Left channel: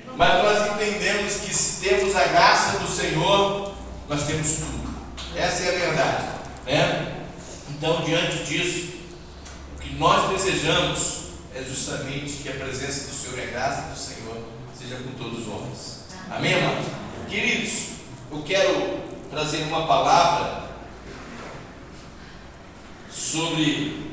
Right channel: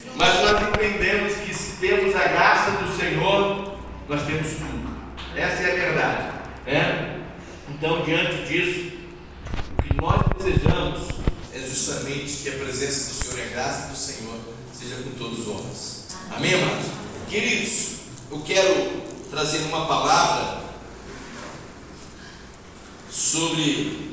Mas nós entendemos que se temos a graça do Senhor, nós temos tudo. Essa é a verdade, né? Então, diante disso, o que nós desejamos é justamente que a presença do Senhor e a graça do Senhor seja com todos os homens. Amém, amados? Queridos, eu quero trazer uma palavra sobre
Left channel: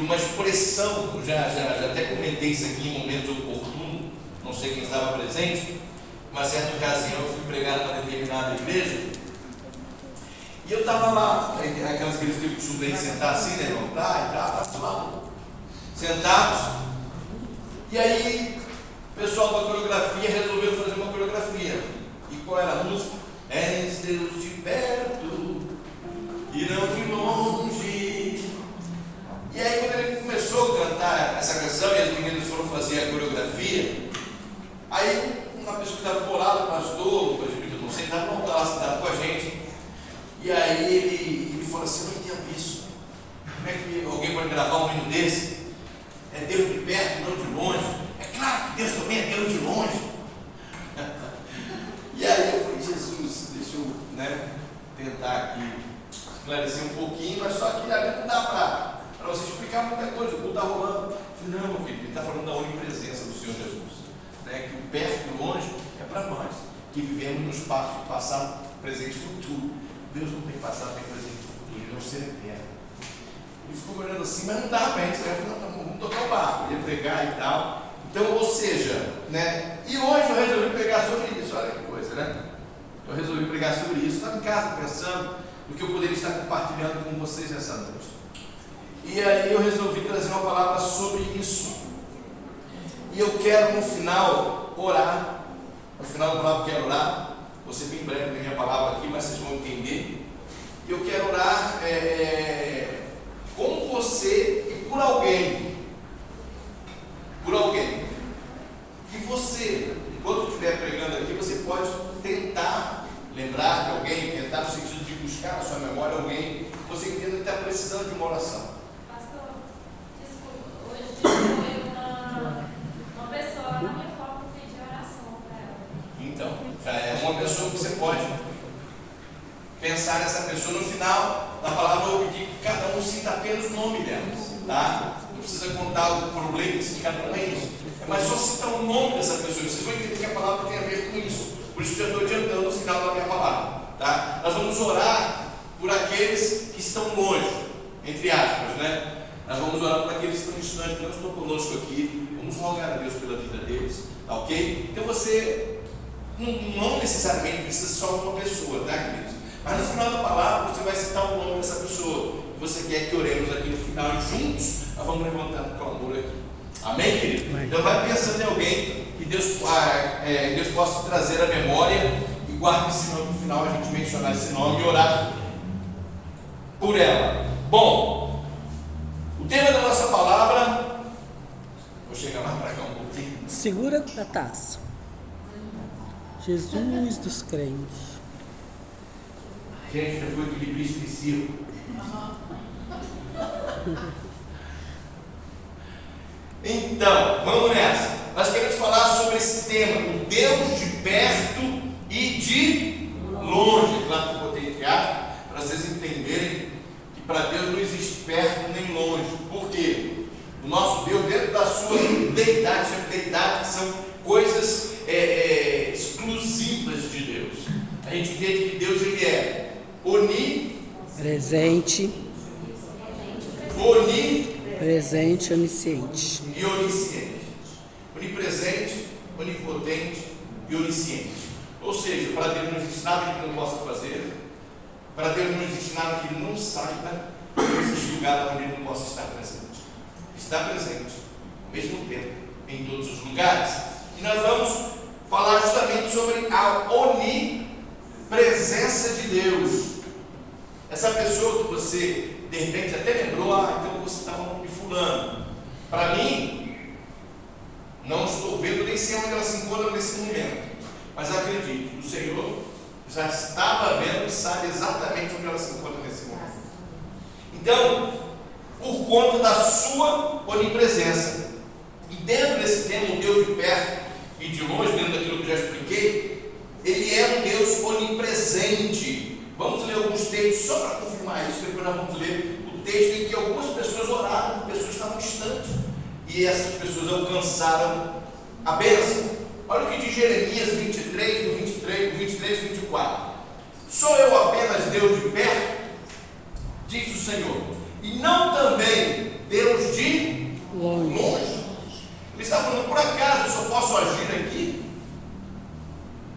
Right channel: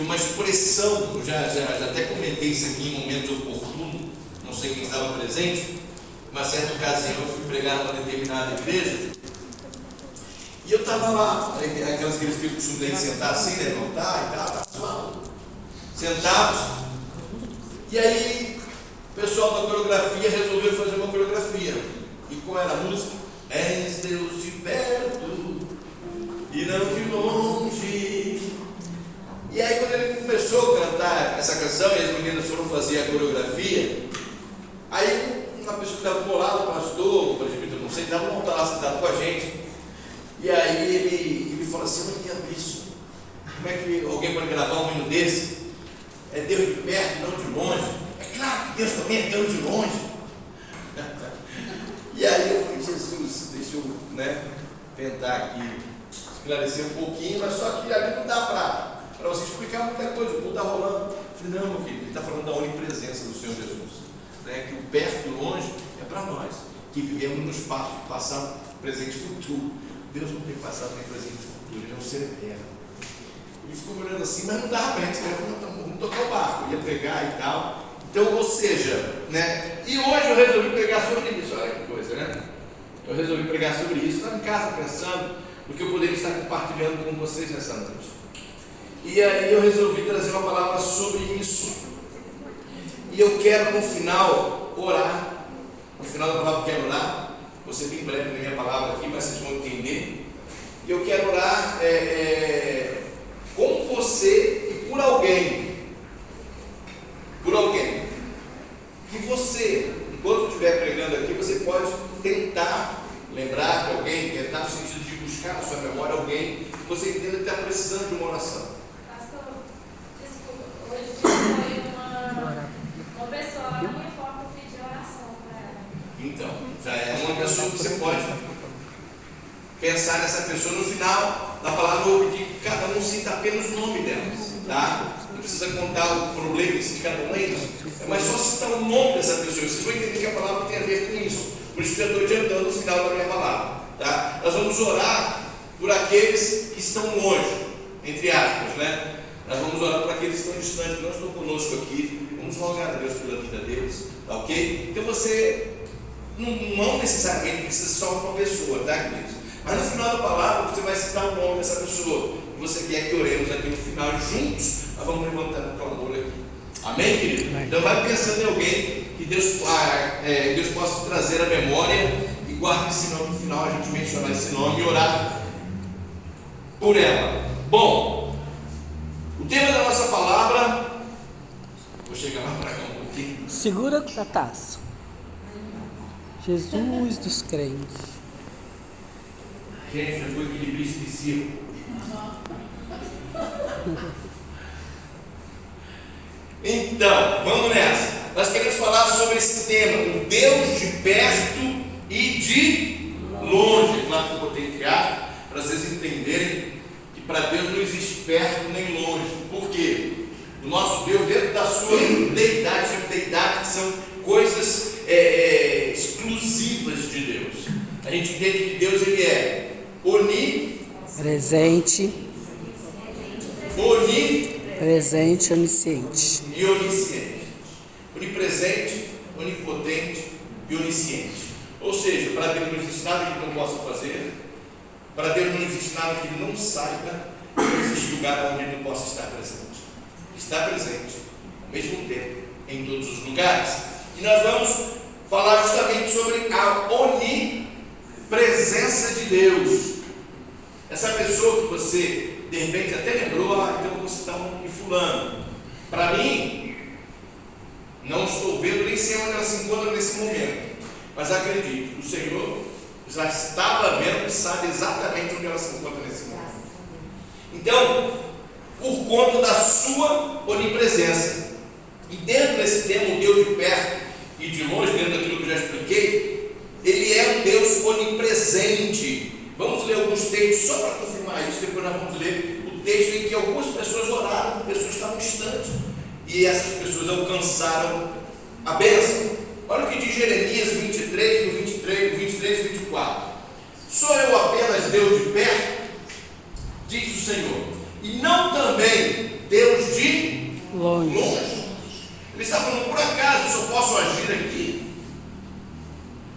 uma expressão. Eu já até comentei isso aqui em um momento oportuno, não sei quem estava presente. Uma certa ocasião eu fui pregar numa determinada igreja e eu estava lá, aquelas igrejas que eu costumo de sentar assim, levantar e tal, sentados, e aí o pessoal da coreografia resolveu fazer uma coreografia. E qual era a música? És Deus de perto e não de longe. E aí quando ele começou a cantar essa canção e as meninas foram fazer a coreografia, aí uma pessoa que estava do lado, o pastor, o presbítero, não sei, estava lá sentado com a gente, e aí ele falou assim: eu não entendo isso, como é que alguém pode gravar um hino desse? É Deus de perto, não de longe. É claro que Deus também é Deus de longe. E aí eu falei: Jesus, deixa eu tentar aqui esclarecer um pouquinho, mas só que ali não dá para você explicar muita coisa. O que está rolando? Eu falei: não, meu filho, ele está falando da onipresença do Senhor Jesus, que o perto e o longe é para nós, que vivemos no espaço do passado, presente e futuro. Deus não tem passado, nem presente e futuro, ele é um ser eterno. Ele ficou olhando assim, mas não dava para a gente, vamos tocar o barco, ia pregar e tal. Então, ou seja, e hoje eu resolvi pregar sobre isso. Olha que coisa, eu resolvi pregar sobre isso. Estava em casa pensando no que eu poderia estar compartilhando com vocês nessa noite. E aí eu resolvi trazer uma palavra sobre isso. E eu quero, no final, orar. No final da palavra eu quero orar. Vou ser bem breve na minha palavra aqui, mas vocês vão entender. E eu quero orar com você e por alguém. Por alguém. Que você, enquanto eu estiver pregando aqui, você pode tentar lembrar de alguém, tentar no sentido de buscar na sua memória alguém que você entenda que está precisando de uma oração. Pastor, desculpa, hoje foi uma pessoa lá no meu foco pedir oração para ela. Então, já é uma pessoa que você pode pensar nessa pessoa. No final da palavra eu vou pedir que cada um cita apenas o nome dela, tá? Não precisa contar o problema em cada um deles, mas só citar o nome dessa pessoa. Vocês vão entender que a palavra tem a ver com isso. Por isso que eu estou adiantando no final da minha palavra, tá? Nós vamos orar por aqueles que estão longe, entre aspas, Nós vamos orar por aqueles que estão distantes, que não estão conosco aqui. Vamos rogar a Deus pela vida deles, tá ok? Então você não necessariamente precisa só de uma pessoa, tá, queridos? Mas no final da palavra você vai citar o nome dessa pessoa e você quer que oremos aqui no final e juntos nós vamos levantando o clamor aqui. Amém, querido? Amém. Então vai pensando em alguém que Deus possa trazer a memória e guarde esse nome no final, a gente mencionar esse nome e orar por ela. Bom, o tema da nossa palavra, vou chegar mais para cá um pouquinho. Segura a taça. Jesus dos crentes. Gente, já foi equilibrista de circo. Então, vamos nessa. Nós queremos falar sobre esse tema, o Deus de perto e de longe. Claro que eu botei entre aspas, para vocês entenderem que para Deus não existe perto nem longe. Por quê? O nosso Deus, dentro da sua deidade, que são coisas exclusivas de Deus. A gente entende que Deus ele é presente, onisciente e onisciente. Onipresente, onipotente e onisciente. Ou seja, para Deus não existe nada que ele não possa fazer, para Deus não existe nada que ele não saiba, não existe lugar onde ele não possa estar presente. Está presente, ao mesmo tempo, em todos os lugares. E nós vamos falar justamente sobre a onipresença de Deus. Essa pessoa que você, de repente, até lembrou, então eu vou citar um nome de fulano. Para mim, não estou vendo nem sei onde ela se encontra nesse momento, mas acredito, o Senhor já estava vendo e sabe exatamente onde ela se encontra nesse momento. Então, por conta da sua onipresença, E dentro desse termo, Deus de perto e de longe, dentro daquilo que eu já expliquei, Ele é um Deus onipresente. Vamos ler alguns textos só para confirmar isso, depois nós vamos ler o texto em que algumas pessoas oraram, pessoas que estavam distantes, e essas pessoas alcançaram a bênção. Olha o que diz Jeremias 23, no 23 e 24. Sou eu apenas Deus de perto, diz o Senhor, e não também Deus de longe. Ele está falando, por acaso eu só posso agir aqui?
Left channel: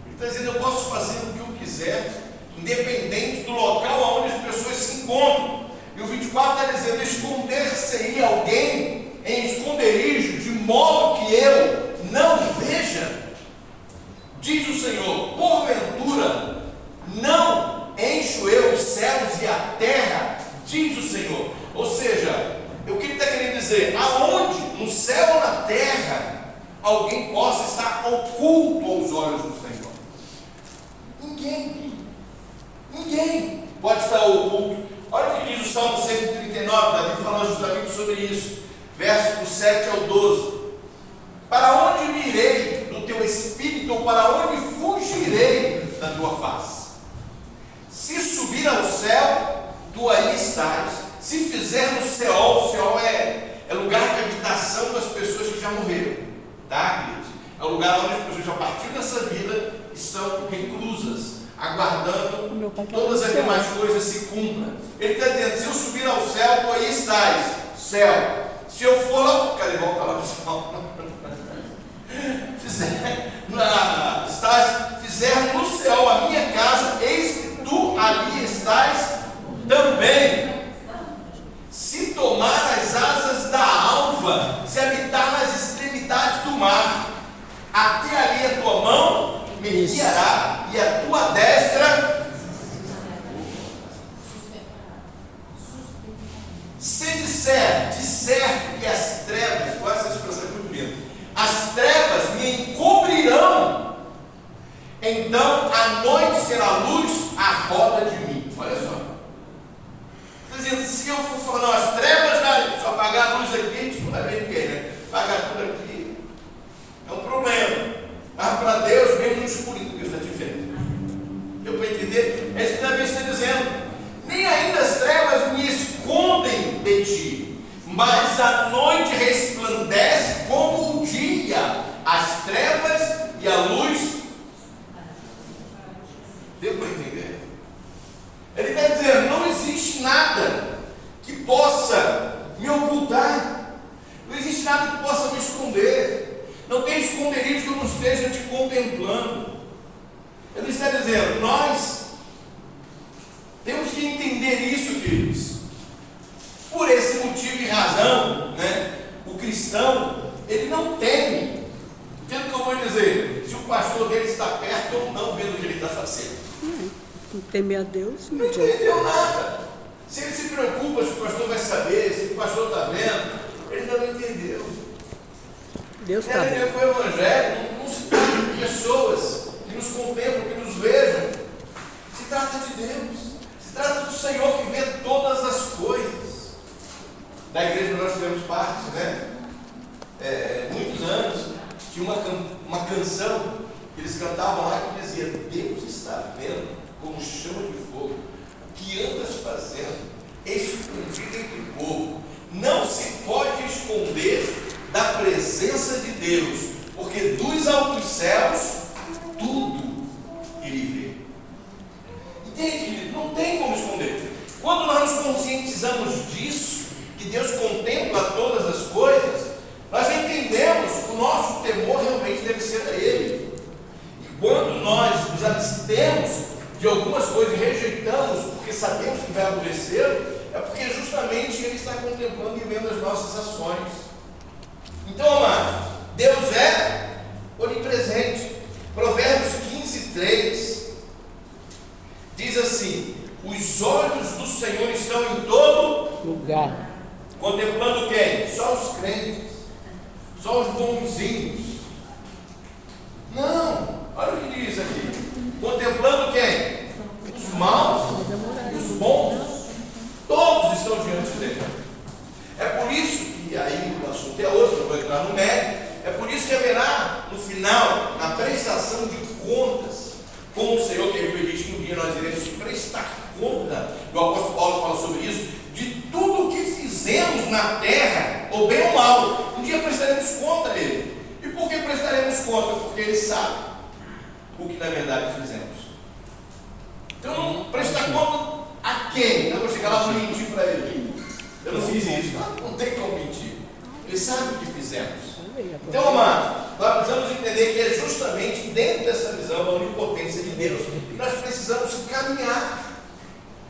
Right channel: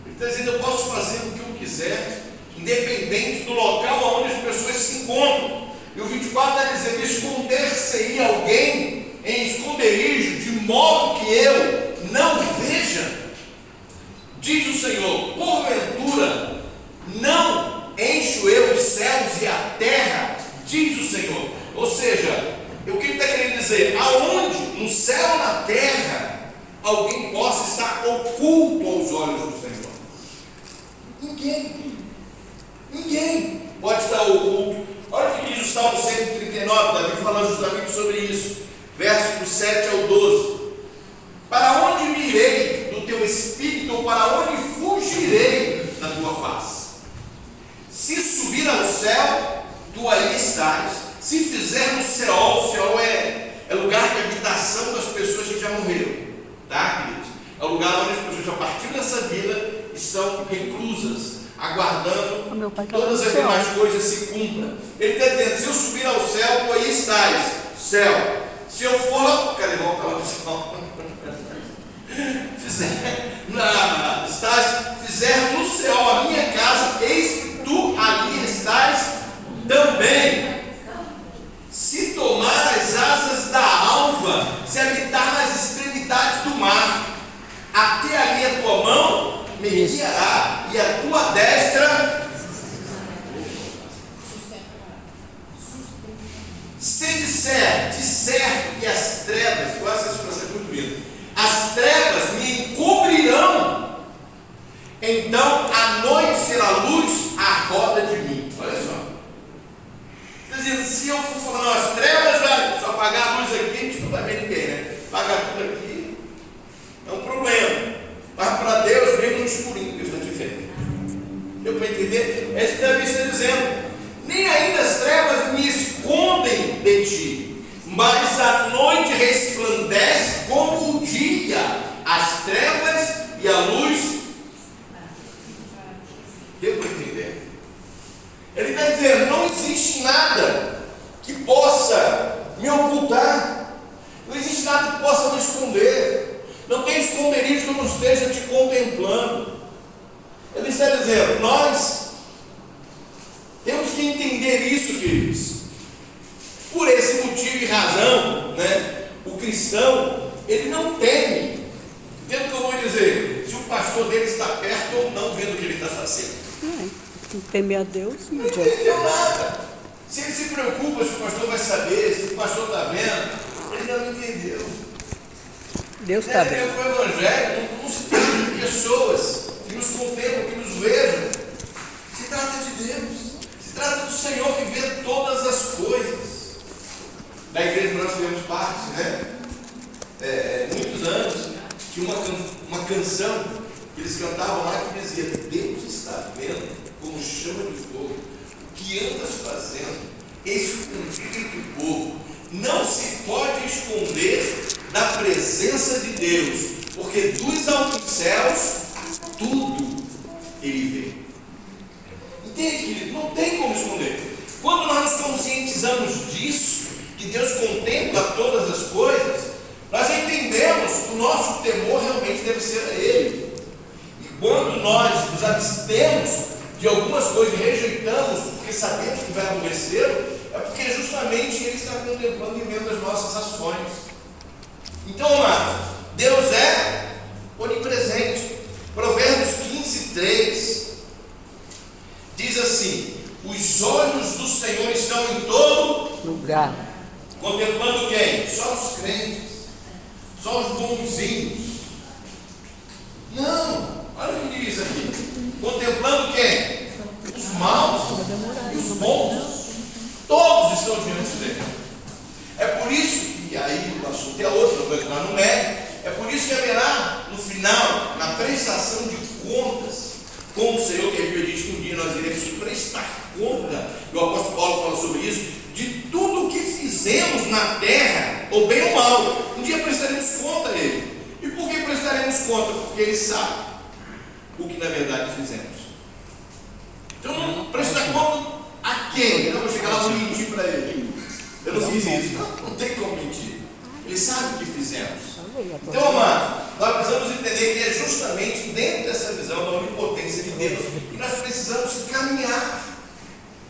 Ele está dizendo, eu posso fazer o que eu quiser, independente do local onde as pessoas se encontram. E o 24 está dizendo, esconder-se-ia alguém em esconderijo, de modo que eu não veja, diz o Senhor, porventura não encho eu os céus e a terra, diz o Senhor. Ou seja, o que ele está querendo dizer? Aonde, no céu ou na terra, alguém possa estar oculto aos olhos do Senhor? Ninguém pode estar oculto. Olha o que diz o Salmo 139, Davi falando justamente sobre isso, versos do 7 ao 12. Para onde me irei do teu espírito, ou para onde fugirei da tua face? Se subir ao céu, tu aí estás. Se fizer no Seol, Seol é lugar de habitação das pessoas que já morreram, tá, queridos? É o lugar onde as pessoas já partiram dessa vida, estão reclusas, aguardando todas as demais coisas se cumpram. Ele está dizendo, se eu subir ao céu, tu aí estás, céu. Se eu for lá, cadê? Volta lá para o céu. Fizer no céu a minha casa, eis que tu ali estás também. Se tomar as asas da alva, se habitar nas extremidades do mar, até ali a tua mão me guiará, e a tua destra. Se disser que as trevas, com essa expressão é muito bonita, as trevas me encobrirão, então a noite será luz à roda de mim. Olha só. Quer dizer, se eu for falar, não, as trevas, se eu apagar a luz aqui, a gente não vai ver ninguém, né? Apagar tudo aqui é um problema. Mas para Deus, mesmo no escurinho que Deus está te vendo. Deu para entender? É isso que Davi está dizendo. Nem ainda as trevas me escondem de ti, mas a noite resplandece como o dia, as trevas e a luz. Deu para entender? Ele está dizendo, não existe nada que possa me ocultar, não existe nada que possa me esconder, não tem esconderijo que eu não esteja te contemplando. Ele está dizendo, nós temos que entender isso, queridos. Por esse motivo e razão, né, o cristão, ele não teme, vendo o que eu vou dizer, se o pastor dele está perto ou não, vendo o que ele está fazendo. Tem que temer a Deus, Não entendeu nada. Se ele se preocupa se o pastor vai saber, se o pastor está vendo, ele não entendeu. Deus está vendo. O evangelho não se trata de pessoas que nos contemplam, que nos vejam. Se trata de Deus. Se trata do Senhor que vê todas as coisas. Da igreja nós tivemos parte, né? Muitos anos, tinha uma canção que eles cantavam lá que dizia: Deus está vendo como chama de fogo o que andas fazendo, escondido do povo. Não se pode esconder da presença de Deus, porque dos altos céus tudo Ele vê. Entende, querido? Não tem como esconder. Quando nós nos conscientizamos disso, que Deus contempla todas as coisas, nós entendemos que o nosso temor realmente deve ser a Ele. E quando nós nos abstemos de algumas coisas e rejeitamos porque sabemos que vai acontecer, é porque justamente Ele está contemplando e vendo as nossas ações. Então, amados, Deus é onipresente. Provérbios 15:3 diz assim: os olhos do Senhor estão em todo lugar. Contemplando quem? Só os crentes, só os bonzinhos. Não, olha o que diz aqui. Contemplando quem? Os maus e os bons. Todos estão diante dele. É por isso, e aí o assunto é outro, eu vou entrar no mérito. final, na prestação de contas com o Senhor, que a Bíblia diz que um dia nós iremos prestar conta, e o apóstolo Paulo fala sobre isso, de tudo o que fizemos na terra, ou bem ou mal. Um dia prestaremos conta a Ele. E por que prestaremos conta? Porque Ele sabe o que na verdade fizemos. Então não prestar conta a quem? Eu vou chegar lá e vou mentir para Ele. Eu não fiz isso. Não tem como mentir. Ele sabe o que fizemos. Então, amados, nós precisamos entender que é justamente dentro dessa visão da onipotência de Deus que nós precisamos caminhar,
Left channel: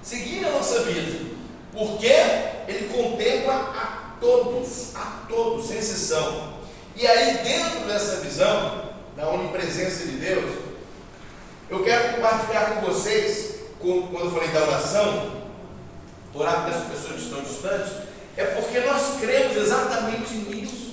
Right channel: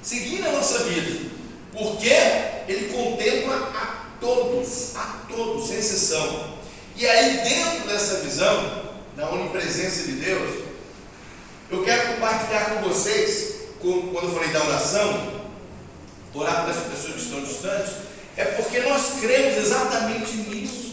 seguir a nossa vida, porque Ele contempla a todos, sem exceção. E aí, dentro dessa visão da onipresença de Deus, eu quero compartilhar com vocês, quando eu falei da oração, orar por essas pessoas que estão distantes, é porque nós cremos exatamente nisso.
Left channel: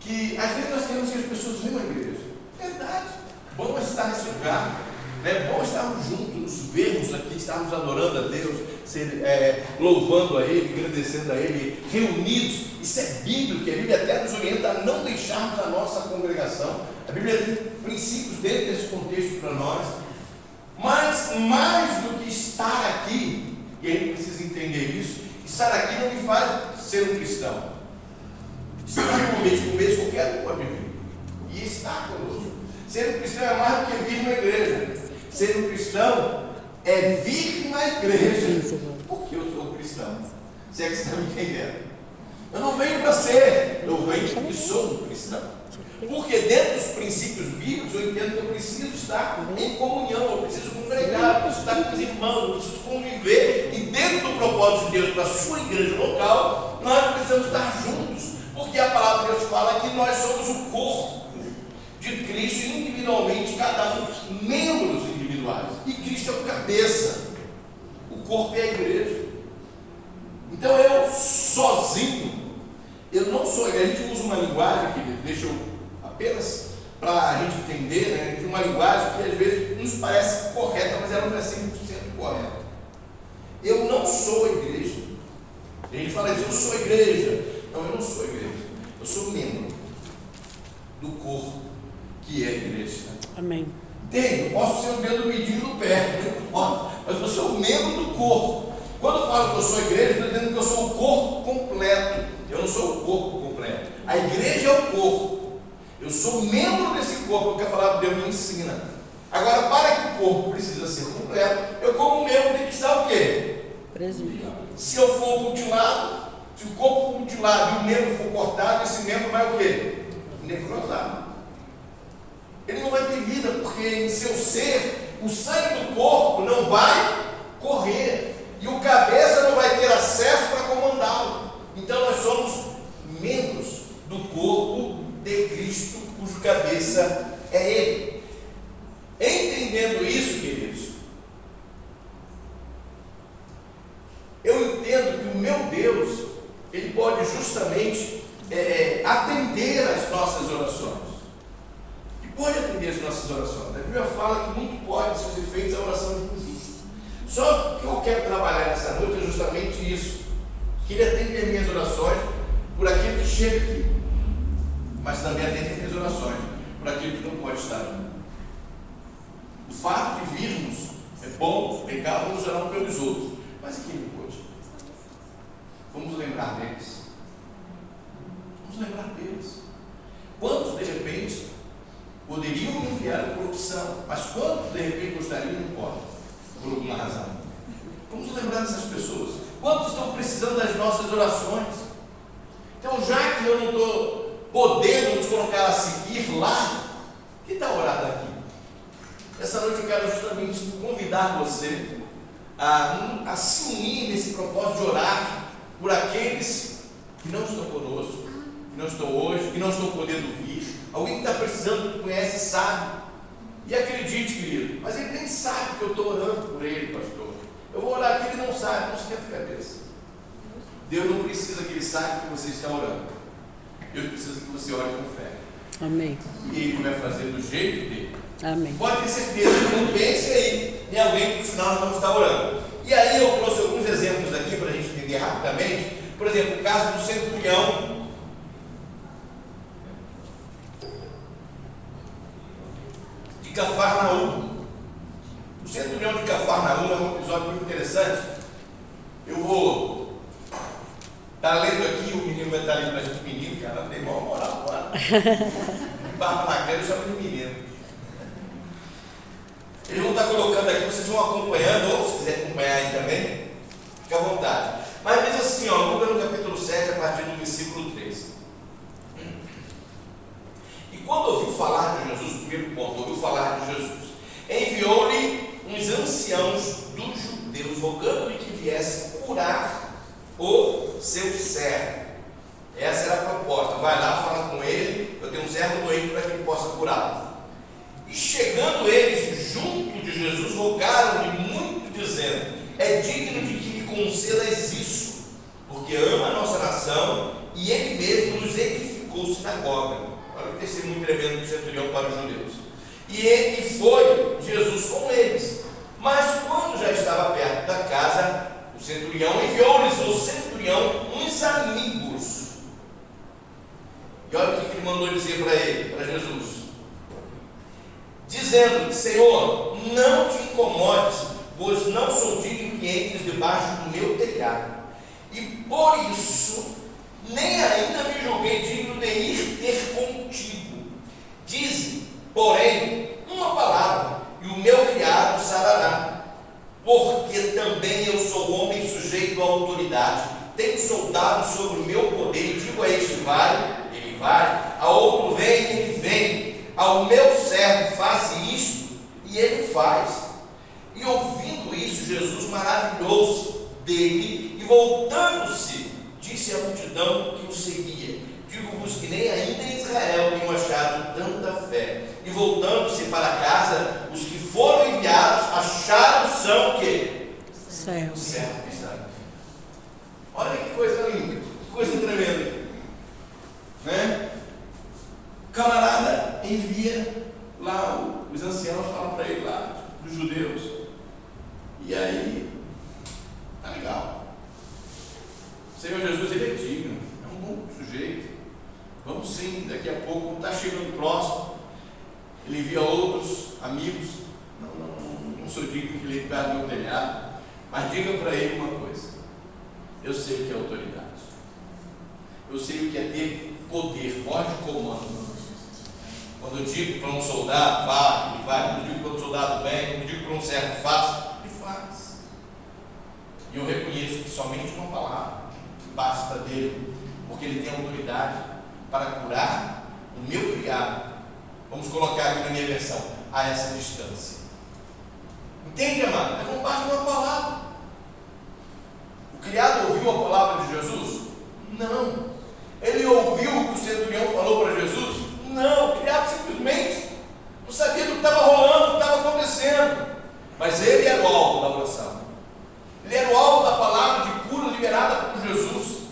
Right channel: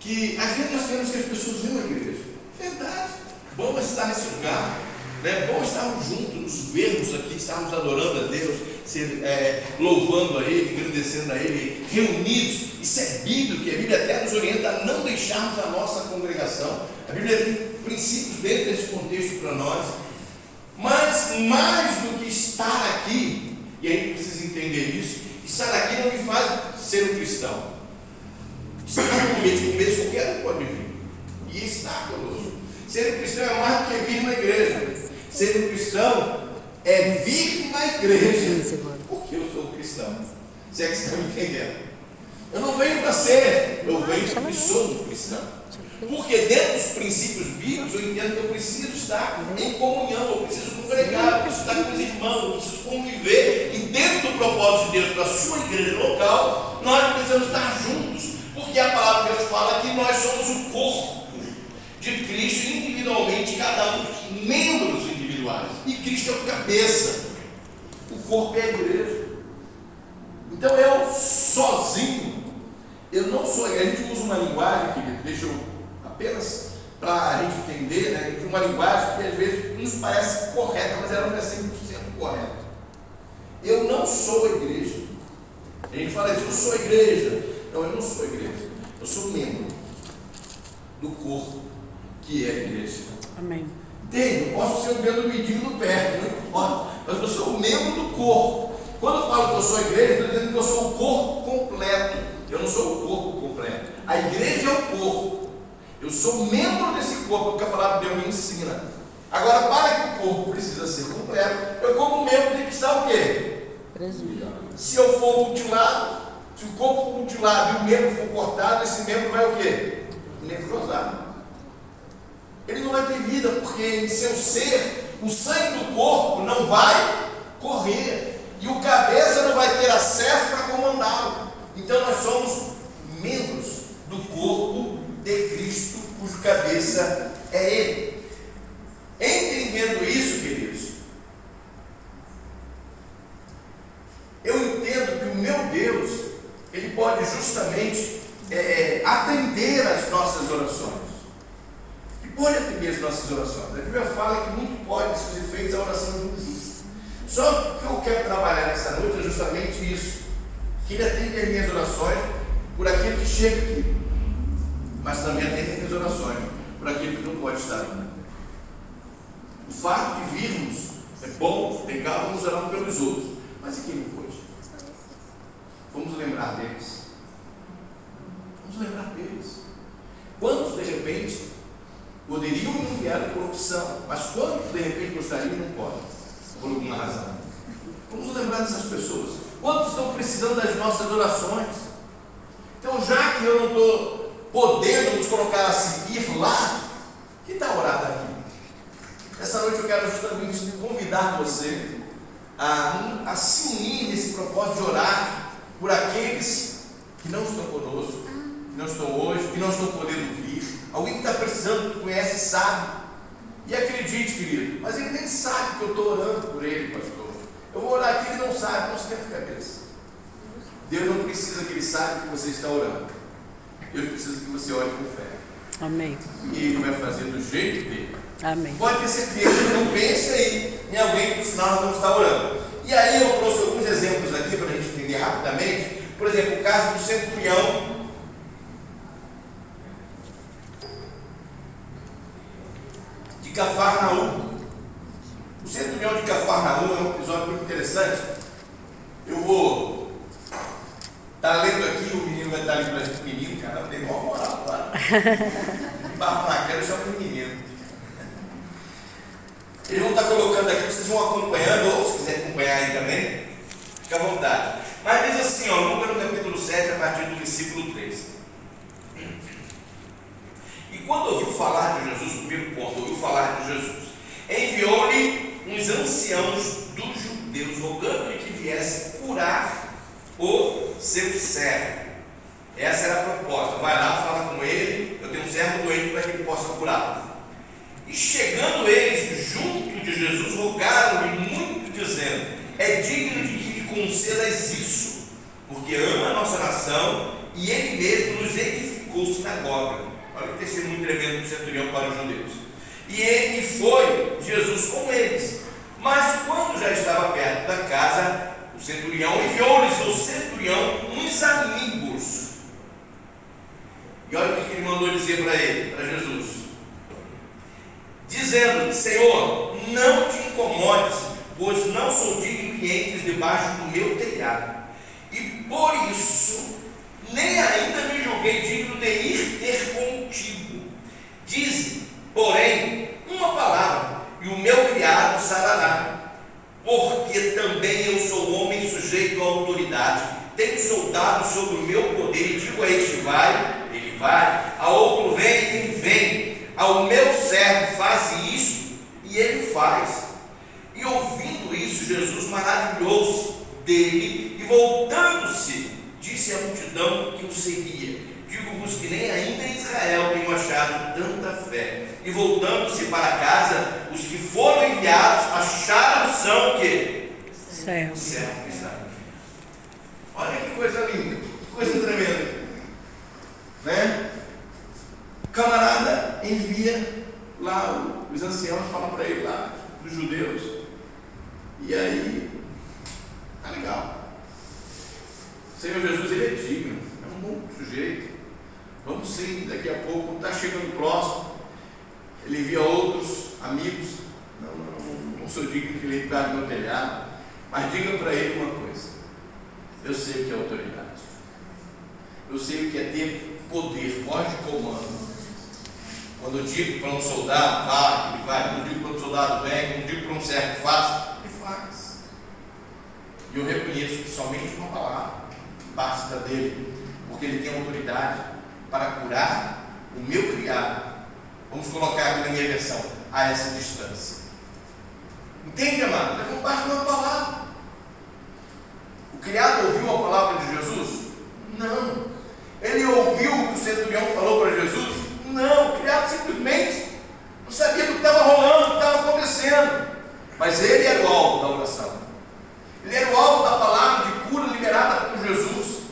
Que às vezes nós queremos que as pessoas venham à igreja. Verdade. Bom estar nesse lugar. É bom estarmos juntos, vermos aqui, estarmos adorando a Deus, louvando a Ele, agradecendo a Ele, reunidos. Isso é bíblico, a Bíblia até nos orienta a não deixarmos a nossa congregação. A Bíblia tem princípios dentro desse contexto para nós. Mas mais do que estar aqui, e a gente precisa entender isso, estar aqui não me faz ser um cristão. Estar no mês qualquer um pode vir e estar conosco. Ser um cristão é mais do que vir na igreja. Ser um cristão é vir na igreja. Porque eu sou cristão. Se é que você está me entendendo? Eu não venho para ser, eu venho porque sou um cristão. Porque dentro dos princípios bíblicos eu entendo que eu preciso estar em comunhão, eu preciso congregar, eu preciso estar com os irmãos, eu preciso conviver. E dentro do propósito de Deus para a sua igreja local, nós precisamos estar juntos. Porque a palavra de Deus fala que nós somos o corpo de Cristo individualmente, cada um membros individuais. E Cristo é o cabeça. O corpo é a igreja. Então eu sozinho, eu não sou a igreja. A gente usa uma linguagem, querido, deixa eu apenas para a gente entender, né? A gente tem uma linguagem que às vezes nos parece correta, mas ela não é 100% correta. Eu não sou a igreja. A gente fala isso, eu sou a igreja. Não, eu não sou a igreja. Eu sou membro do corpo que é a igreja. Amém. Eu posso ser o dedo medindo no pé, não importa, mas eu sou membro do corpo. Quando eu falo que eu sou a igreja, eu estou dizendo que eu sou o corpo completo. Eu não sou o corpo completo. A igreja é o corpo. Eu sou membro desse corpo, que a palavra de Deus me ensina. Agora, para que o corpo precisa ser completo, eu como membro tenho que estar o quê? Presente. Se eu for mutilado, se o corpo for mutilado e o membro for cortado, esse membro vai o quê? Necrosado. Ele não vai ter vida, porque em seu ser, o sangue do corpo não vai correr. E o cabeça não vai ter acesso para comandá-lo. Então nós somos membros do corpo de Cristo, cujo cabeça é Ele. Entendendo isso, queridos, eu entendo que o meu Deus, Ele pode justamente atender às nossas orações. E pode atender às nossas orações. A Bíblia fala que muito pode seus efeitos a oração do justo. Só que eu quero trabalhar nessa noite é justamente isso. Que Ele atende as minhas orações por aquilo que chega aqui, mas também atende as minhas orações por aquilo que não pode estar aqui. O fato de virmos é bom, legal, vamos orar um pelos outros. Mas e quem não pôde? Vamos lembrar deles. Vamos lembrar deles. Quantos de repente poderiam enviar por opção, mas quantos de repente gostariam e não podem? Por alguma razão. Vamos lembrar dessas pessoas. Quantos estão precisando das nossas orações? Então, já que eu não estou podendo nos colocar a seguir lá, que tal orar daqui? Essa noite eu quero justamente convidar você a se unir nesse propósito de orar por aqueles que não estão conosco, que não estão hoje, que não estão podendo vir. Alguém que está precisando, que conhece, sabe. E acredite, querido, mas ele nem sabe que eu estou orando por ele, pastor. Eu vou orar aqui, ele não sabe, não esquenta a cabeça. Deus não precisa que ele saiba que você está orando. Deus precisa que você ore com fé. Amém. E ele vai fazer do jeito dele. Amém. Pode ter certeza, não pense aí em alguém que no final não está orando. E aí eu trouxe alguns exemplos aqui para a gente entender rapidamente. Por exemplo, o caso do centurião. Cafarnaum. O centurião de Cafarnaum é um episódio muito interessante. Eu vou estar lendo aqui, o menino vai estar lendo para gente, menino, cara, tem igual moral agora. Barro na cara só para menino. Eles vão estar colocando aqui, vocês vão acompanhando, ou se quiser acompanhar aí também, fica à vontade. Mas diz assim, ó, Lucas no capítulo 7, a partir do versículo 3. E quando ouviu falar de Jesus, o primeiro ponto, ouviu falar de Jesus, enviou-lhe uns anciãos dos judeus, rogando-lhe que viesse curar o seu servo. Essa era a proposta. Vai lá falar com ele, eu tenho um servo doente para que ele possa curá-lo. E chegando eles junto de Jesus, rogaram-lhe muito, dizendo: é digno de que lhe concedas isso, porque ama a nossa nação, e ele mesmo nos edificou sinagoga. Olha que testemunho tremendo do centurião para os judeus. E foi Jesus com eles. Mas quando já estava perto da casa, o centurião enviou-lhes uns amigos. E olha o que ele mandou dizer para ele, para Jesus, dizendo: Senhor, não te incomodes, pois não sou digno que entres debaixo do meu telhado, e por isso nem ainda me julguei digno de ir ter contigo. Dize, porém, uma palavra, e o meu criado sarará, porque também eu sou homem sujeito à autoridade, tenho soldado sobre o meu poder, e digo a este: vai, ele vai, a outro vem, ele vem, ao meu servo faz isto, e ele faz. E ouvindo isso, Jesus maravilhou-se dele, e voltando-se, disse à multidão que o seguia: digo-vos que nem ainda em Israel tenho achado tanta fé. E voltando-se para casa, os que foram enviados acharam são o quê? Servos. Olha que coisa linda, que coisa tremenda, né? O camarada envia lá, os anciãos falam para ele lá, os judeus, e aí, tá legal, o Senhor Jesus, ele é digno, é um bom sujeito, vamos sim, daqui a pouco, está chegando próximo, ele envia outros amigos, não sou digno que ele entrare no meu telhado, mas diga para ele uma coisa: eu sei o que é autoridade, eu sei o que é ter poder, voz de comando. Quando eu digo para um soldado, vá, ele vai. Quando eu digo para um soldado, vem. Quando eu digo para um servo, faça, ele faz. E eu reconheço que somente uma palavra basta dele, porque ele tem autoridade para curar o meu criado. Vamos colocar aqui na minha versão, a essa distância. Entende, amado? Mas não basta uma palavra. O criado ouviu a palavra de Jesus? Não. Ele ouviu o que o centurião falou para Jesus? Não. O criado simplesmente não sabia do que estava rolando, do que estava acontecendo. Mas ele era o alvo da oração. Ele era o alvo da palavra de cura liberada por Jesus.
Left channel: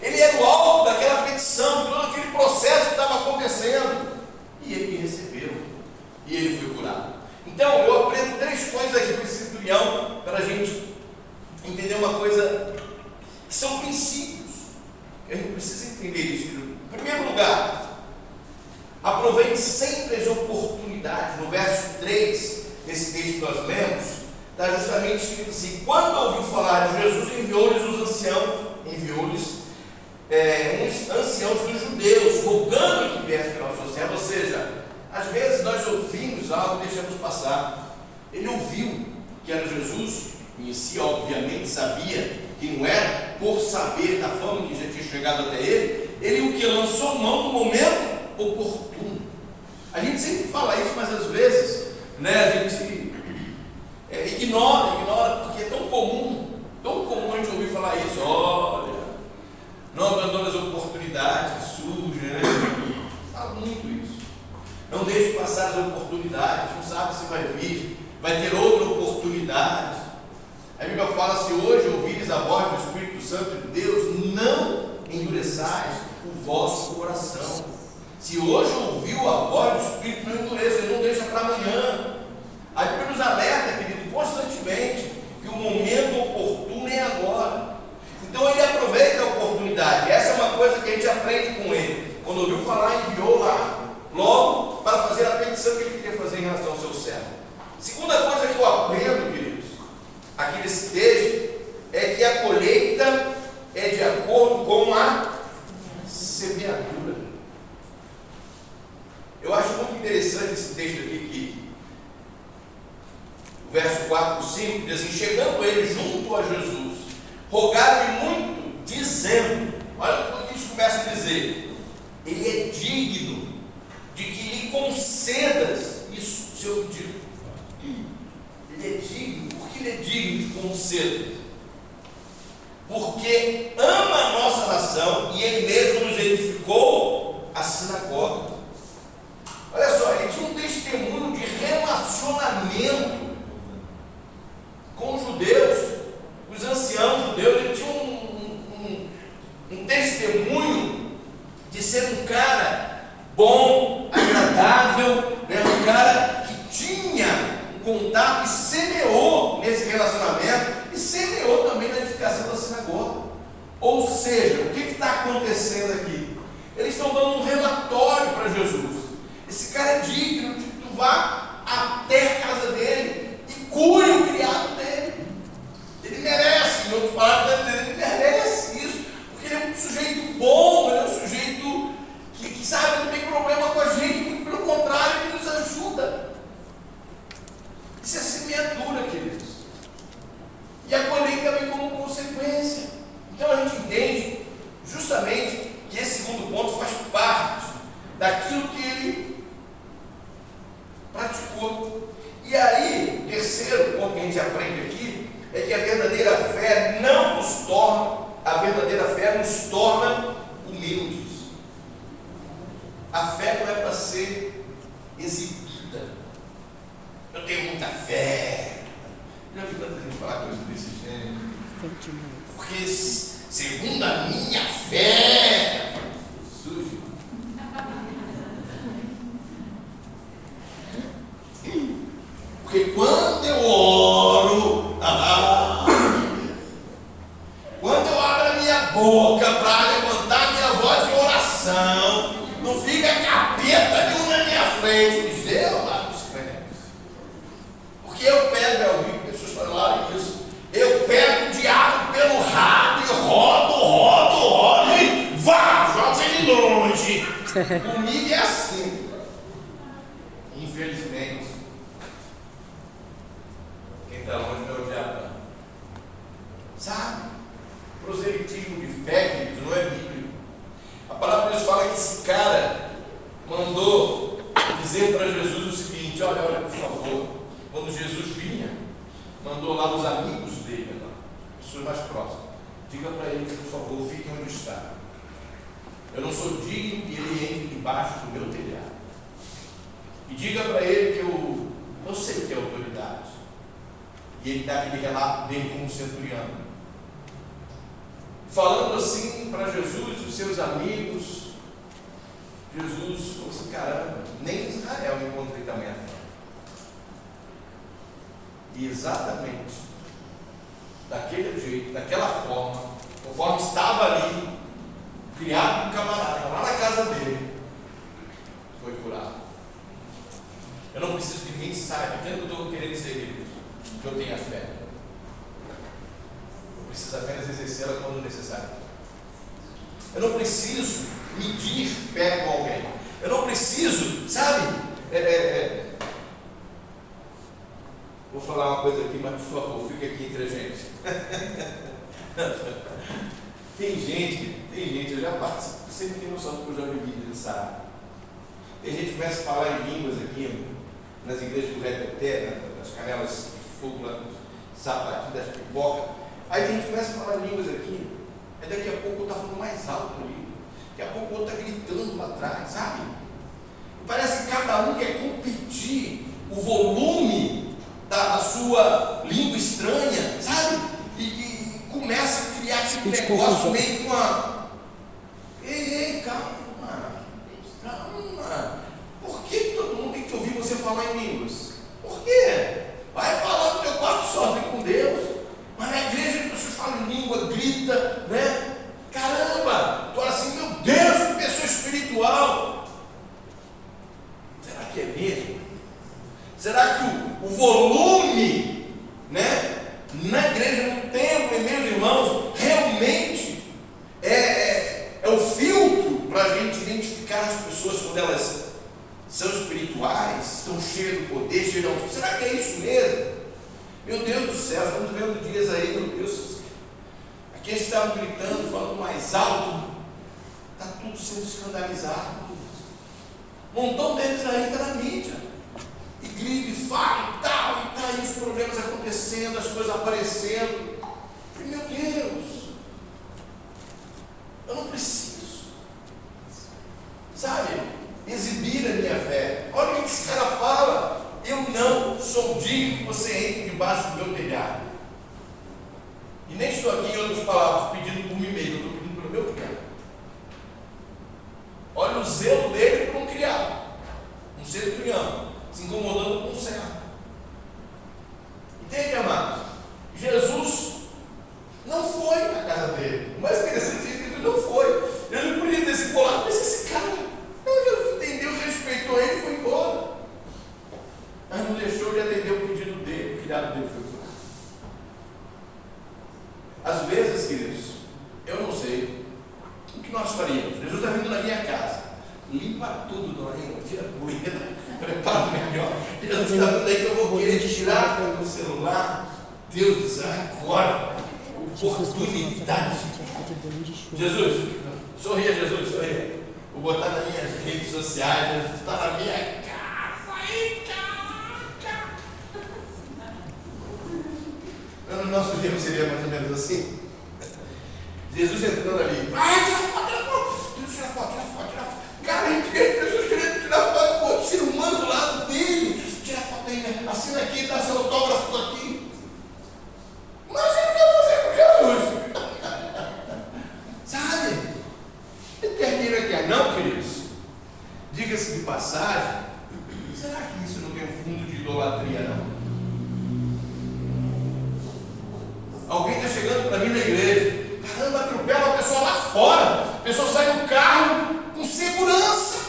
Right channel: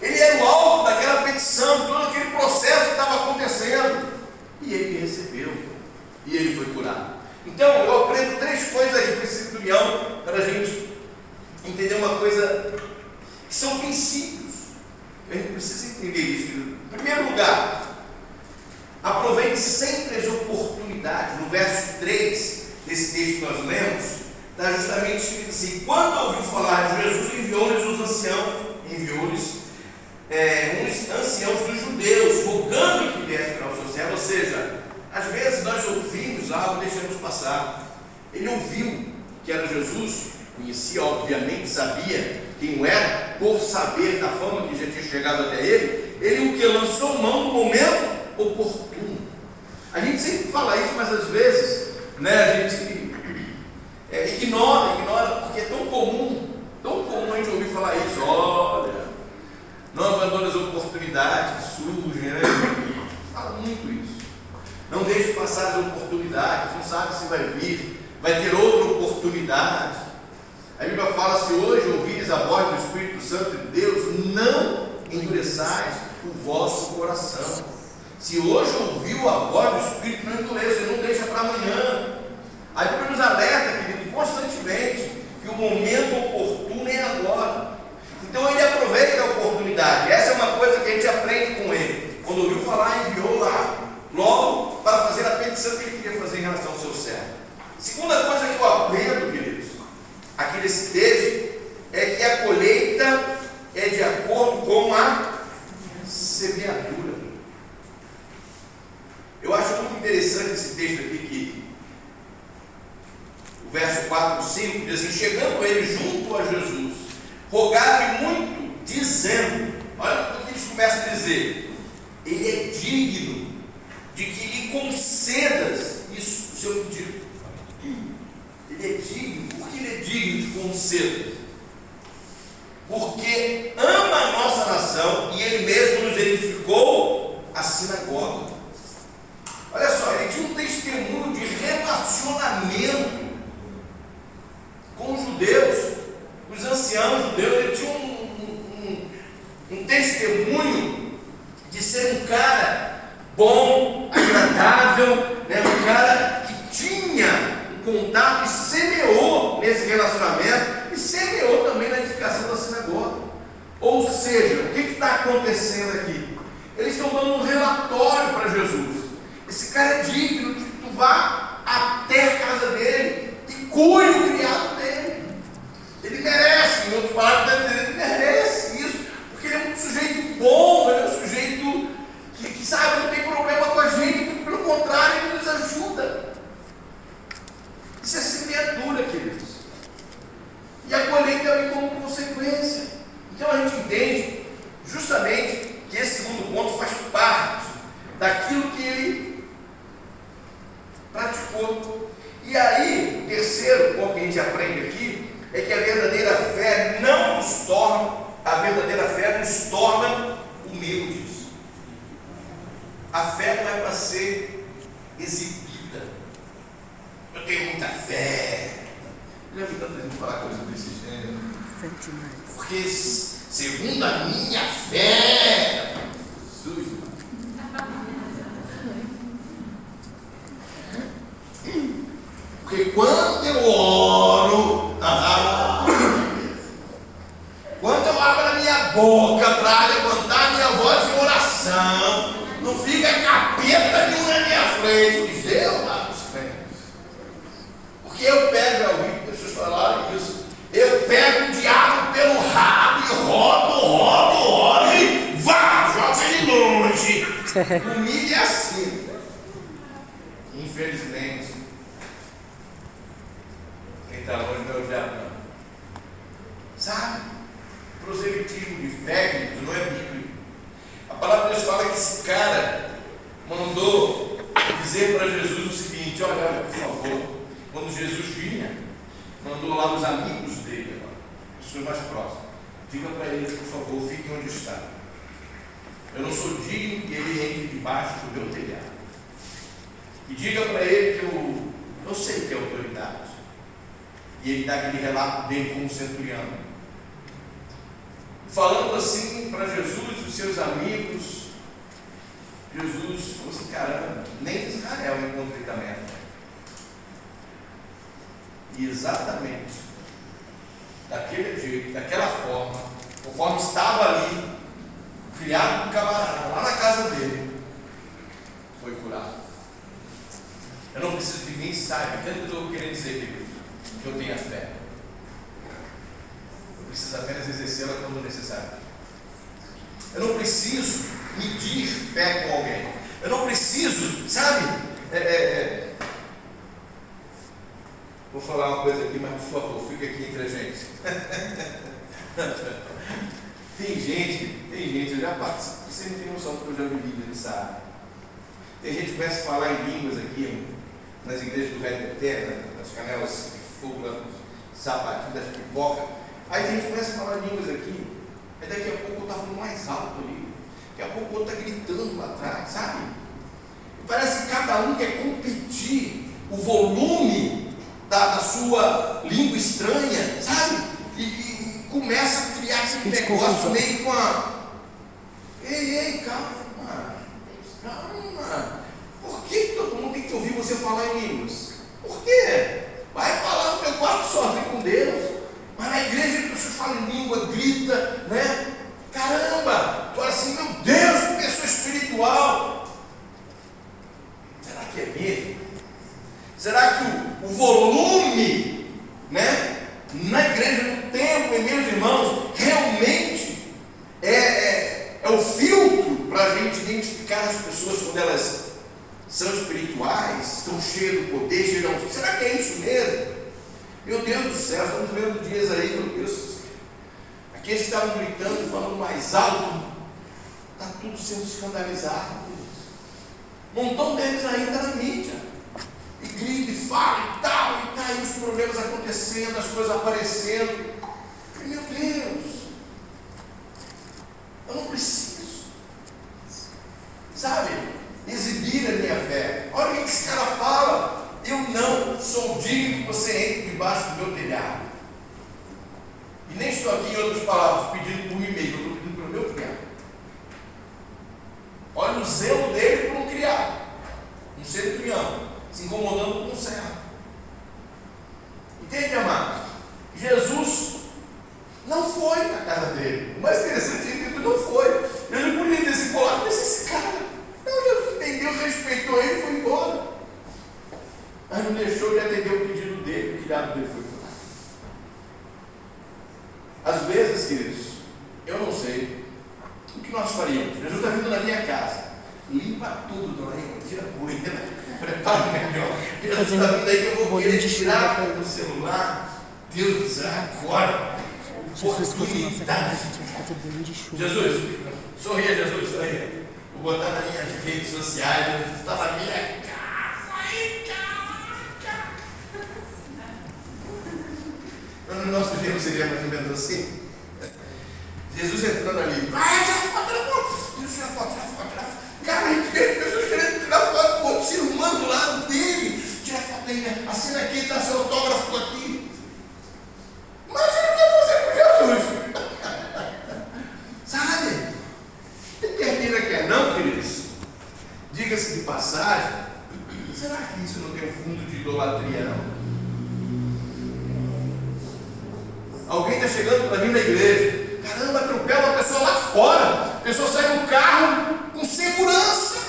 Ele era o alvo daquela petição, de todo aquele processo que estava acontecendo. E ele recebeu. E ele foi curado. Então, eu aprendo 3 coisas aqui com esse centurião para a gente entender uma coisa que são princípios. A gente precisa entender isso. Em primeiro lugar, aproveite sempre as oportunidades. No verso 3, nesse texto que nós lemos, está justamente escrito assim: quando ouviu falar de Jesus, enviou-lhes uns anciãos dos judeus, rogando que viesse para o seu servo. Ou seja, às vezes nós ouvimos algo e deixamos passar. Ele ouviu que era Jesus, conhecia, obviamente, sabia quem era, por saber da fama que já tinha chegado até ele o que lançou mão no momento oportuno. A gente sempre fala isso, mas às vezes, a gente ignora, porque é tão comum a gente ouvir falar isso. Olha, não abandone as oportunidades que surgem, fala muito isso. Não deixe passar as oportunidades, não sabe se vai vir, vai ter outra oportunidade. A Bíblia fala: se hoje ouvires a voz do Espírito Santo de Deus, não endureçais o vosso coração. Se hoje ouviu a voz do Espírito, não endureça, não deixa para amanhã. A Bíblia nos alerta, querido, constantemente, que o momento oportuno é agora. Então ele aproveita a oportunidade. Essa é uma coisa que a gente aprende com ele. Quando ouviu falar, enviou lá, logo para fazer a petição sabe o que ele queria fazer em relação ao seu servo. Segunda coisa que eu aprendo, queridos, aqui nesse texto, é que a colheita é de acordo com a semeadura. Eu acho muito interessante esse texto aqui, que o verso 4 e 5 diz assim: chegando ele junto a Jesus, rogaram-lhe muito, dizendo, olha o que eles começam a dizer: ele é digno de que lhe concedas isso, o seu pedido. Ele é digno. Por que ele é digno de conceder? Porque ama a nossa nação e ele mesmo nos edificou a sinagoga. Olha só, ele tinha um testemunho de relacionamento com os judeus, os anciãos judeus. Ele tinha um testemunho de ser um cara bom, agradável, né? Um cara que tinha contato e semeou nesse relacionamento e semeou também na edificação da sinagoga. Ou seja, o que está acontecendo aqui? Eles estão dando um relatório para Jesus. Esse cara é digno de que tu vá até a casa dele e cure o criado dele. Ele merece, em outras palavras, ele merece isso, porque ele é um sujeito bom, ele é um sujeito que sabe, não tem problema com a gente, pelo contrário, ele nos ajuda. Isso é semeadura, queridos. E a colheita vem como consequência. Então a gente entende justamente que esse segundo ponto faz parte daquilo que ele praticou. E aí, o terceiro ponto que a gente aprende aqui é que a verdadeira fé nos torna humildes. A fé não é para ser exibida. Eu tenho muita fé. Já vi tanta gente falar coisas desse gênero. Porque segundo a minha fé, Jesus, porque quando eu oro, quando eu abro a minha boca para levantar minha voz em oração, não fica capeta nenhum na minha frente, diz eu lá dos crentes. Porque eu pego, eu ouvi pessoas falarem isso, eu pego o diabo pelo rabo e rodo e vá, joga ele longe. Comigo é assim. Infelizmente, quem está longe não é o diabo. Sabe? Proselitismo de fé não é bíblico. A palavra de Deus fala que esse cara mandou dizer para Jesus o seguinte: olha, por favor, quando Jesus vinha, mandou lá os amigos dele, pessoas mais próximas, diga para ele, por favor, fique onde está. Eu não sou digno que ele entre debaixo do meu telhado. E diga para ele que eu sei que é autoridade. E ele dá aquele relato dele como centurião. Falando assim para Jesus e os seus amigos, Jesus falou assim: caramba, nem em Israel eu encontrei também a fé. E exatamente daquele jeito, daquela forma, conforme estava ali, criado um camarada, lá na casa dele, foi curado. Eu não preciso que ninguém saiba, entende o que eu estou querendo dizer, queridos? Que eu tenha fé. Eu preciso apenas exercê-la quando necessário. Eu não preciso medir fé com alguém. Eu não preciso, sabe? Vou falar uma coisa aqui, mas por favor, fica aqui entre a gente. Tem gente, eu já participo, você não tem noção do que eu já vivi, ele sabe. Tem gente que começa a falar em línguas aqui, nas igrejas do Reteté, nas canelas de fogo, lá nos sapatinhos das pipocas. Aí tem gente que começa a falar em línguas aqui, aí daqui a pouco eu estou falando mais alto ali, daqui a pouco o outro está gritando lá atrás, sabe? Parece que cada um quer competir o volume da sua língua estranha, sabe? E começa a criar esse negócio meio com a... Ei, calma. Por que todo mundo tem que ouvir você falar em línguas? Por quê? Vai falar no teu quarto sozinho com Deus. Mas na igreja as pessoas falam em língua, grita, né? Caramba! Tu fala assim, meu Deus, que pessoa espiritual. Será que é mesmo? Será que o volume, né, na igreja, no templo, meus irmãos, realmente é o filtro para a gente identificar as pessoas quando elas são espirituais, estão cheias do poder, cheias. Será que é isso mesmo? Meu Deus do céu, estamos vendo dias aí, meu Deus. Aqueles que estavam gritando, falando mais alto, está tudo sendo escandalizado. Um montão deles aí está na mídia. E grita, e fala, e tal, e tá aí os problemas acontecendo, as coisas aparecendo. E, meu Deus, eu não preciso, sabe, exibir a minha fé. Olha o que esse cara fala. Eu não sou digno que você entre debaixo do meu telhado. E nem estou aqui, em outras palavras, pedindo por mim mesmo, eu estou pedindo pelo meu criado. Olha o zelo dele por um criado, um ser que me ama, se incomodando com um servo. Entende, amados? Jesus não foi na casa dele. O mais interessante é que ele não foi. Ele podia ter se colado, mas esse cara, não, Jesus entendeu, respeitou ele e foi embora. Mas não deixou de atender o pedido dele, o criado dele foi embora. Às vezes, queridos, eu não sei o que nós faríamos. Jesus está vindo na minha casa, limpa tudo, dona Eva, tira a poeira, prepara o melhor. Jesus está vindo aí que eu vou querer tirar o celular. Deus do céu, agora. Oportunidade. Jesus, sorria, Jesus, sorria. Vou botar nas minhas redes sociais. Jesus está na minha casa, aí, cara. No nosso dia seria mais ou menos assim. Jesus entrando ali. Vai, tira foto, tira foto. Tira foto. Cara, a gente vê pessoas querendo tirar foto com outro ser humano do lado dele. Tira foto aí, né? Assina aqui, dá seu autógrafo aqui. Mas ele não quer fazer com Jesus. Sabe? Quer queira, quer não, queridos. Diga-se de passagem, será que isso não tem um fundo de idolatria, não? Alguém está chegando para vir na igreja. Caramba, atropela uma pessoa lá fora. A pessoa sai do carro com segurança.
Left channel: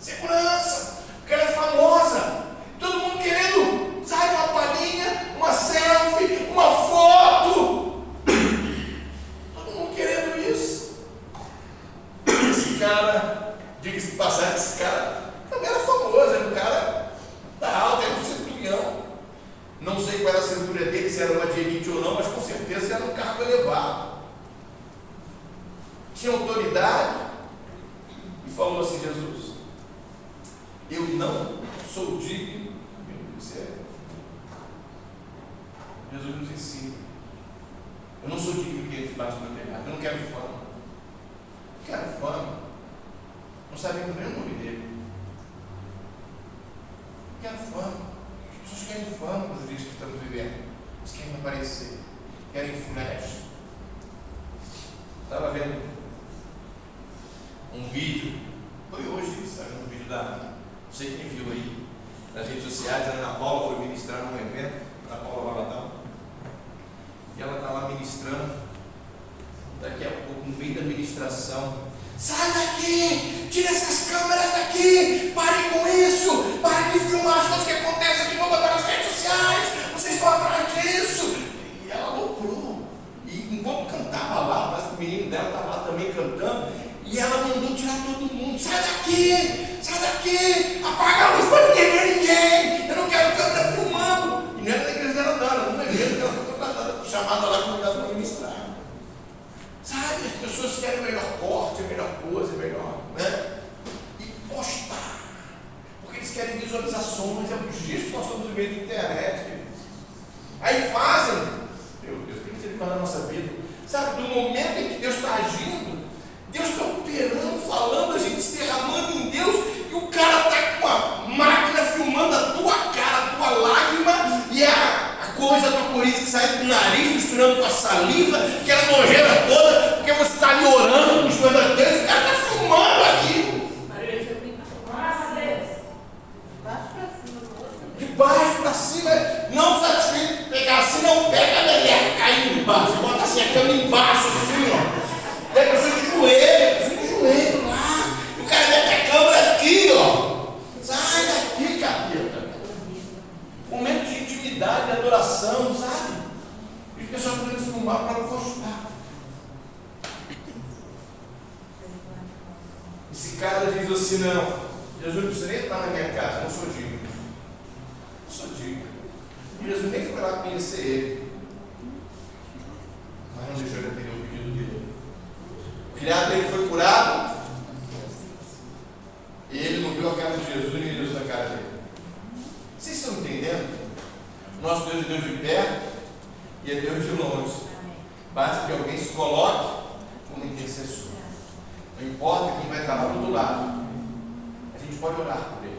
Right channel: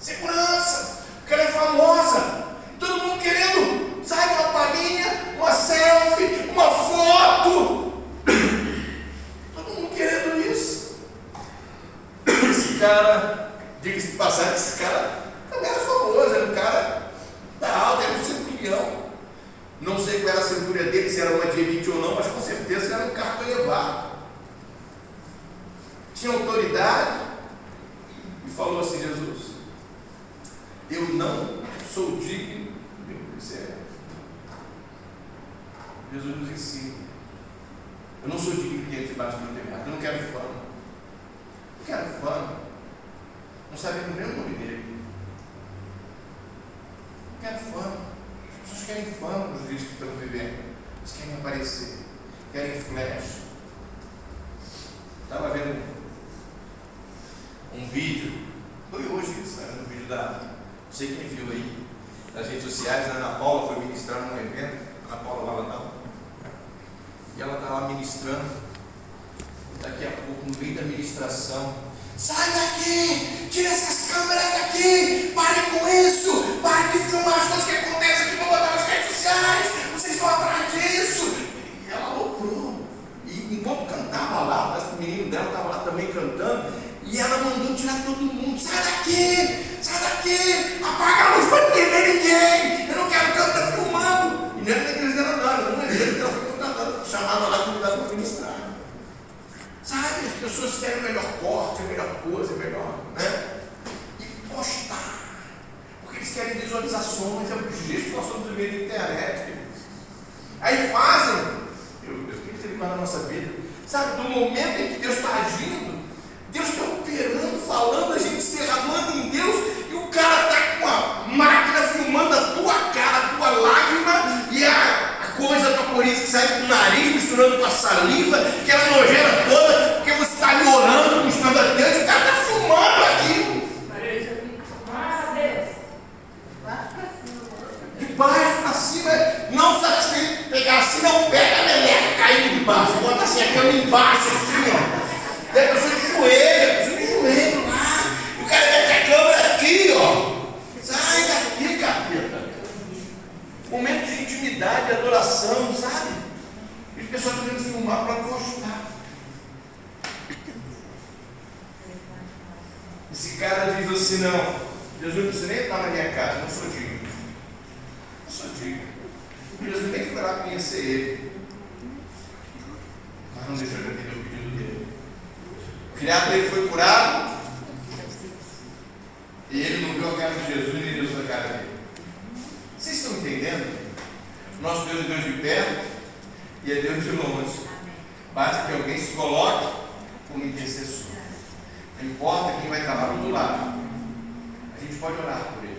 Segurança. Porque ela é famosa. Todo mundo querendo, sabe, uma palhinha, uma selfie, uma foto. Todo mundo querendo isso. Esse cara, diga-se de passagem, esse cara também era famoso. Era um cara da alta, era um centurião. Não sei qual era a cintura dele, se era uma de elite ou não, mas com certeza era um cargo elevado. Tinha autoridade e falou assim: Jesus, eu não sou digno de ser. Jesus nos ensina. Eu não sou digno de entre debaixo do meu telhado. Eu não quero fama. Não quero fama. Não sabemos nem o nome dele. Não quero fama. As pessoas querem fama nos dias que estamos vivendo. Eles querem aparecer, querem flash. Estava vendo um vídeo, foi hoje isso, era um vídeo da, não sei quem viu aí, das redes sociais. A Ana Paula foi ministrar num evento, Ana Paula Valadão, e ela está lá ministrando. Daqui a pouco, no meio da ministração, sai daqui, tira essas câmeras daqui, pare com isso, pare de filmar as coisas que acontecem aqui, vou botar nas redes sociais, vocês estão atrás disso. E ela aloprou, e enquanto cantava lá, parece que o menino dela estava lá também cantando, e ela mandou tirar todo mundo: sai daqui, apaga a luz para ninguém ver ninguém, eu não quero que ela está filmando. E não era da igreja dela, não, era uma igreja que ela foi contratada, chamada lá para cuidar do ministrar. Sabe, as pessoas querem o melhor corte, a melhor coisa, melhor, né? E postar. Porque eles querem visualizações, é o gesto que nós estamos no meio da internet. Queridos. Aí fazem, meu Deus, o que isso faz na nossa vida? Sabe, do momento em que Deus está agindo, Deus está operando, falando, a gente se derramando em Deus, e o cara está com a máquina filmando a tua cara, a tua lágrima, e a coisa da coriza que sai do nariz, misturando com a saliva, aquela nojeira toda, porque você está ali orando, buscando a Deus, e o cara está filmando aquilo. De baixo para cima, não satisfeito, pegar assim, não pega a meleca caindo de baixo, bota assim a cama embaixo, assim, ó. E a pessoa de joelho lá, o cara Esse cara diz assim: não, Jesus não precisa nem entrar na minha casa, não sou digno. Não sou digno. Jesus nem foi lá conhecer ele. Mas não deixou de atender o pedido dele. O filhado dele foi curado. E ele não viu a cara de Jesus, nem Deus na cara dele. Vocês estão entendendo? Nosso Deus é Deus de perto e é Deus de longe. Basta que alguém se coloque como intercessor. Não importa quem vai trabalhar do outro lado. A gente pode orar por ele.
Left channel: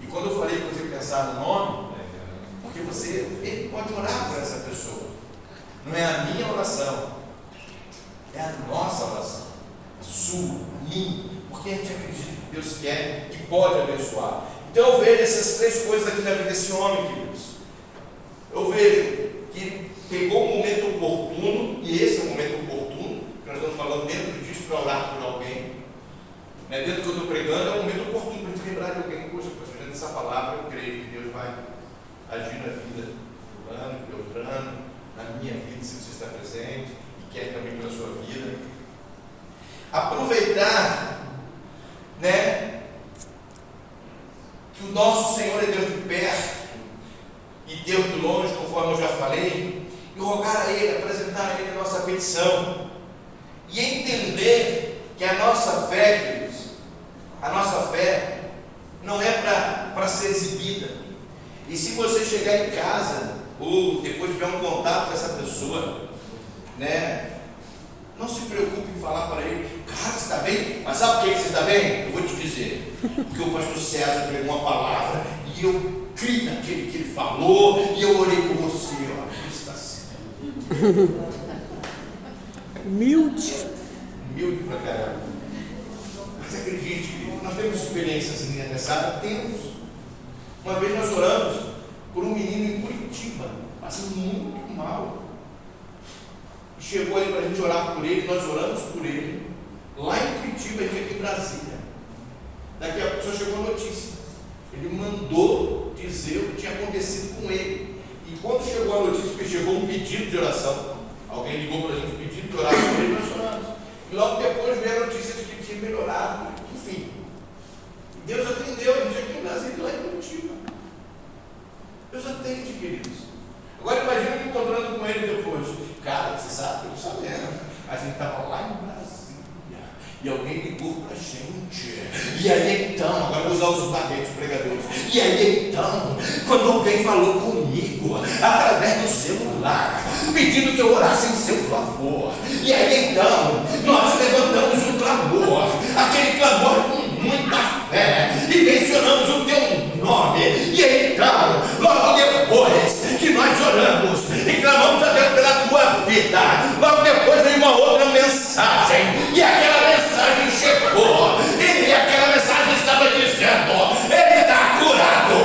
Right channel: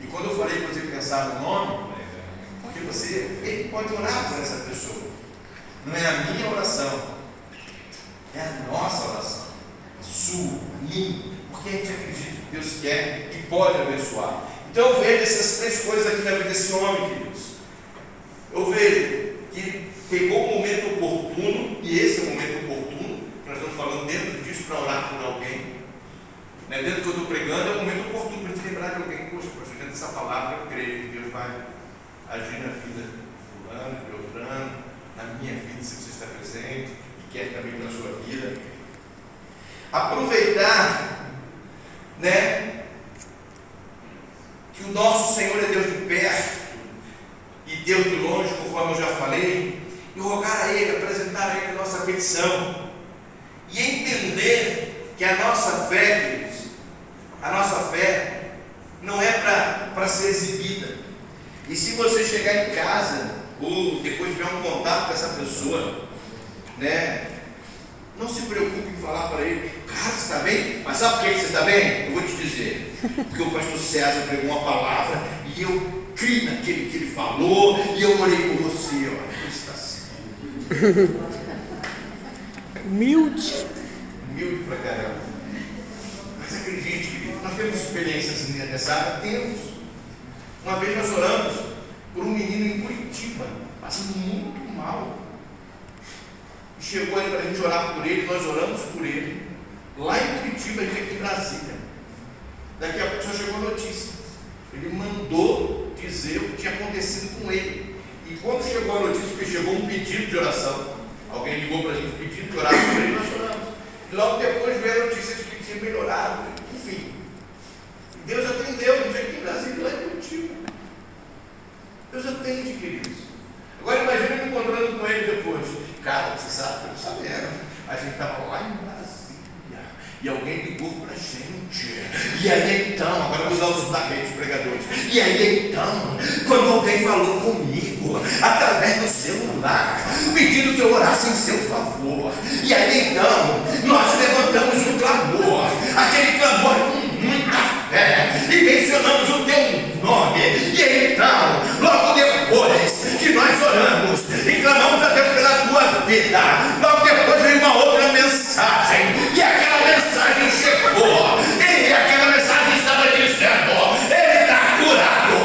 E quando eu falei para você pensar no nome, porque ele pode orar por essa pessoa. Não é a minha oração, é a nossa oração. A sua, a minha. Porque a gente acredita que Deus quer e pode abençoar. Então eu vejo essas três coisas aqui na vida desse homem, queridos. Eu vejo que pegou o momento oportuno, e esse é o momento oportuno, nós estamos falando dentro disso para orar por alguém. Né? Dentro do que eu estou pregando, é o momento oportuno para a gente lembrar de alguém. Poxa, dentro dessa palavra eu creio que Deus vai agir na vida do fulano, de Beltrano, na minha vida, se você está presente, e quer também na sua vida. Aproveitar, né, que o nosso Senhor é Deus de perto e Deus de longe, conforme eu já falei, e rogar a Ele, apresentar a Ele a nossa petição, e entender que a nossa fé, queridos, a nossa fé não é para ser exibida. E se você chegar em casa, ou depois tiver um contato com essa pessoa, né, não se preocupe em falar para ele: cara, você está bem? Mas sabe por que você está bem? Eu vou te dizer, porque o pastor César pregou uma palavra e eu criei naquele que ele falou, e eu orei por você. Olha, você está assim. Humilde. Humilde pra caramba. Mas acredite, querido, nós temos experiências nessa área? Temos. Uma vez nós oramos por um menino em Curitiba, passando muito mal. Chegou aí para a gente orar por ele, nós oramos por ele, lá em Curitiba e aqui em Brasília. Daqui a pouco só chegou a notícia. Ele mandou dizer o que tinha acontecido com ele. E quando chegou a notícia, porque chegou um pedido de oração, alguém ligou para a gente pedindo de orar por ele, nós oramos. E logo depois veio a notícia de que tinha melhorado. Enfim, Deus atendeu, a gente aqui em Brasília, lá em Curitiba. Deus atende, queridos. Agora imagina me encontrando com ele depois. Cara, você sabe, eu estou sabendo. A gente estava lá em Brasília e alguém ligou para a gente. E aí então, agora eu vou usar os tapetes pregadores. E aí então, quando alguém falou comigo através do celular, pedindo que eu orasse em seu favor. E aí então, nós levantamos um clamor, aquele clamor com muita fé, e mencionamos o teu nome. E aí então, logo depois que nós oramos e clamamos a Deus pela tua vida, logo depois veio uma outra mensagem, e aquela mensagem chegou, e aquela mensagem estava dizendo: ele está curado,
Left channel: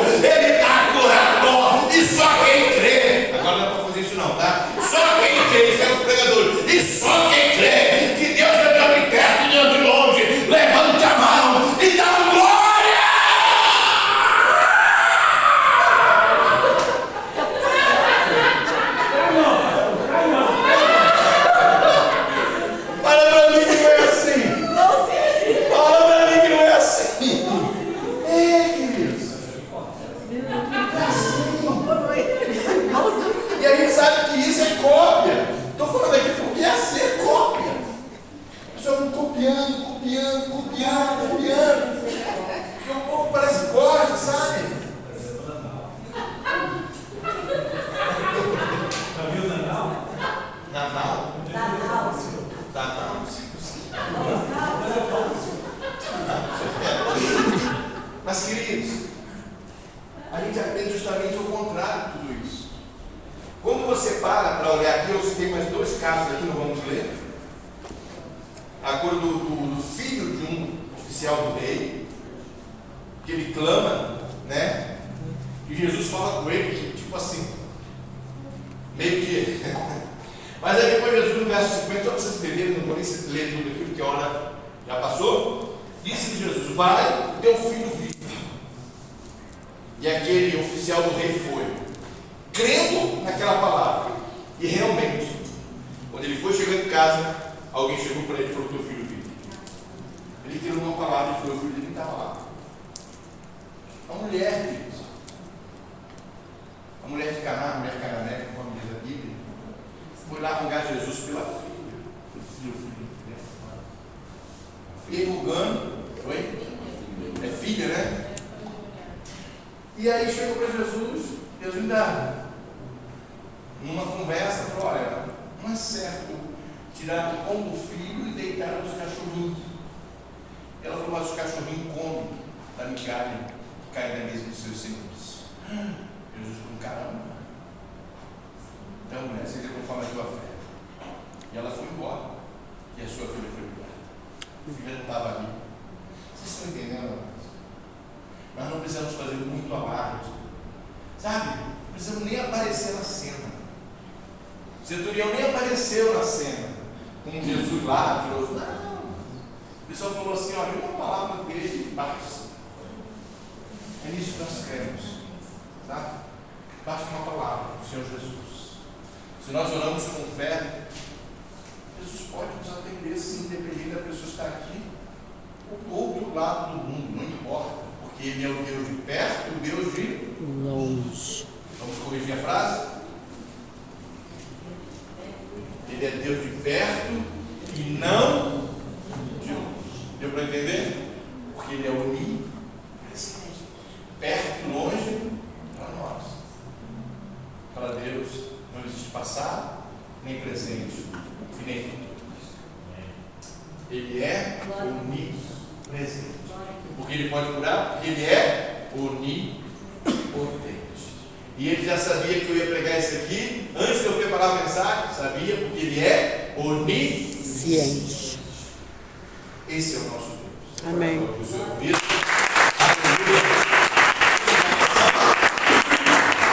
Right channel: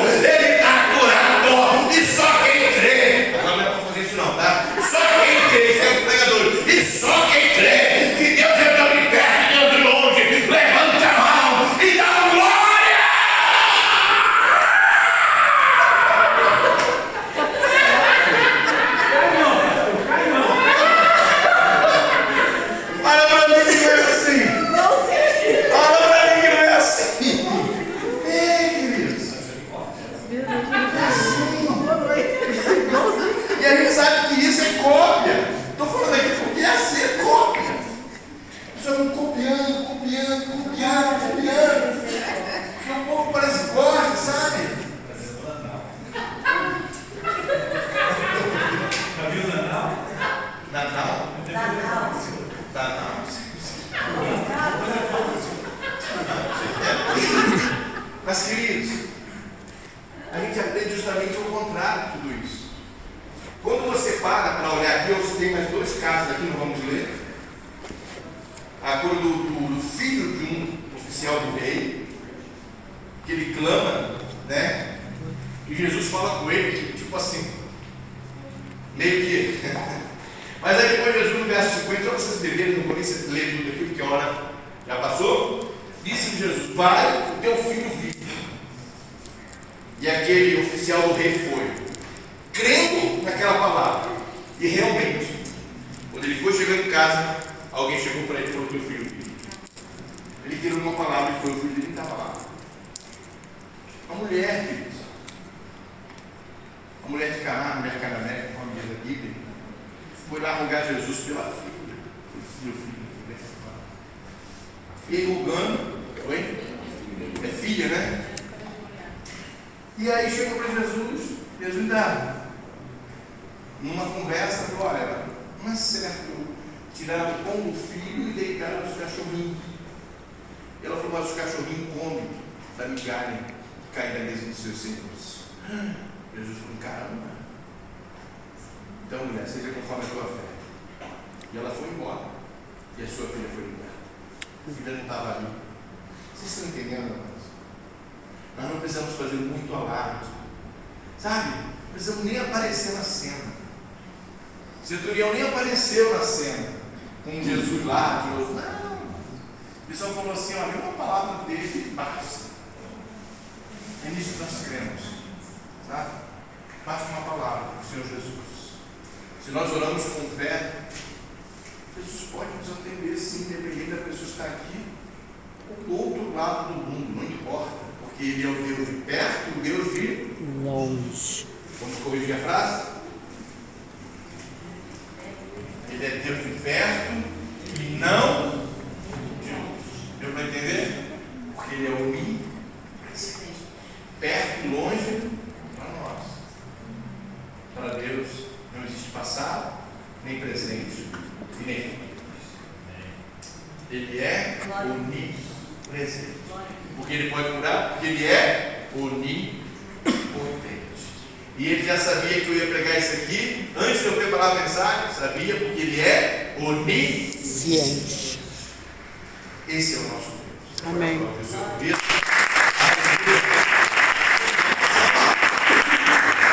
e só quem crê, agora não é para fazer isso não, tá? Só quem crê, isso é o pregador, e só quem crê que Deus é tão de perto e Deus de longe, levanta a mão e dá glória. E a gente sabe que isso é cópia. Estou falando aqui porque é ser cópia. Só vão copiando. Porque o povo parece que gosta, sabe? Natal? Mas, queridos, a gente aprende justamente o contrário de tudo isso. Quando você para olhar aqui, eu citei mais dois casos aqui, não vamos ler. A cura do filho de um oficial do rei, que ele clama, né? E Jesus fala com ele, tipo assim, meio que. Mas aí depois Jesus, no verso 50, só vocês entenderem, não vou nem ler tudo aqui, porque a hora já passou. Disse Jesus: vai, o teu filho vive. E aquele oficial do rei foi, crendo naquela palavra. E realmente, quando ele foi chegando em casa, alguém chegou para ele e falou: teu filho vive. Ele que teve uma palavra que foi o filho dele estava lá. A mulher, queridos, a mulher de Caná, a mulher cananeia, como diz a Bíblia, foi lá rogar Jesus pela filha. E rogando, oi? É filha, né? E aí chegou para Jesus, Jesus ainda, numa conversa, falou: olha, não é certo tirar o pão do filho e deitar os cachorrinhos. Ela falou: mas os cachorrinhos comem da migalha que cai da mesa dos seus senhores. Jesus falou: caramba. Então, mulher, seja conforme a tua fé. E ela foi embora. E a sua filha foi embora. A filha não estava ali. Vocês estão entendendo, amados? Nós não precisamos fazer muito alarde. Sabe? Não precisamos nem aparecer na cena. O centurião nem apareceu na cena. Com Jesus lá, tirou. Não. Ele só falou assim: olha, uma palavra dele basta. É nisso que nós cremos. Sabe? Basta uma palavra do Senhor Jesus. Se nós oramos com fé, Jesus pode nos atender, sim, independente da pessoa estar aqui ou do outro lado do mundo, não importa, porque Ele é o Deus de perto, o Deus de longe. Vamos corrigir a frase? Ele é Deus de perto e não de longe. Deu para entender? Porque Ele é onipresente. Perto e longe para nós. Para Deus não existe passado, nem presente, e nem futuro. Ele é onipresente. Porque Ele pode curar, porque Ele é onipotente. E Ele já sabia que eu ia pregar isso aqui antes de eu preparar a mensagem. Sabia, porque Ele é onisciente. Esse é o nosso Deus. Amém.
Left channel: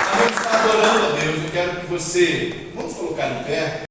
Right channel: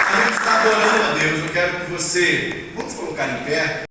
A gente está adorando a Deus. Eu quero que você, vamos colocar em pé.